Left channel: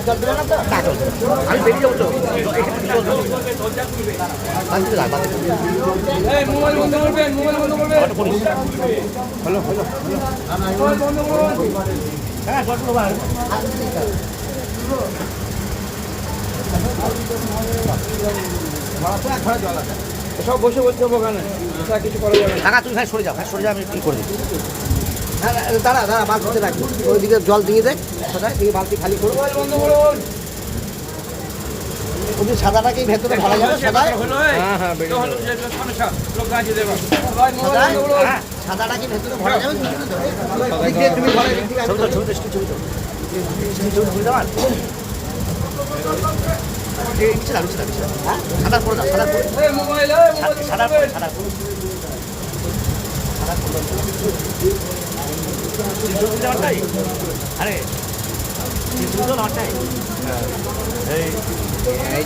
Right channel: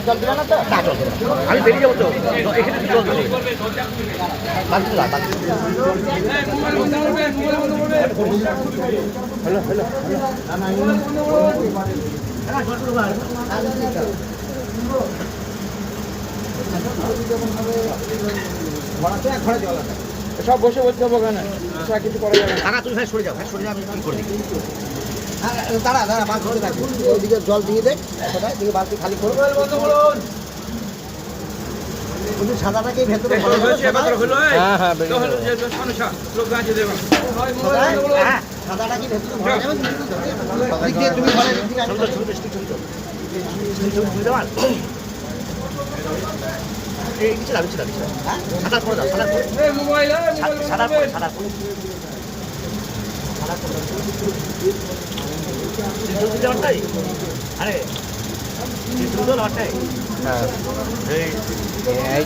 জল দিলে না তো না জল আমি বেরিয়ে যাবো তো এখানে জল দেবো হ্যালো হ্যালো হ্যাঁ সব বসে বলতে হবে ওখানে কিছু করা যাবে না তুই ভাই সরে যাও আমি কি করবি দাঁড়া দাঁড়া মাছ ধরতে থাকবো ওইদিকে জল দিয়ে দেয় দিয়ে বালতি খালি করবো সাদাটাকে ভেতরে ভালো হবে হ্যাঁ হ্যাঁ সাদাটা কি ভেতরে ভরা যাবে তুমি সাদা করে দাও সাদা করে আরে হ্যাঁ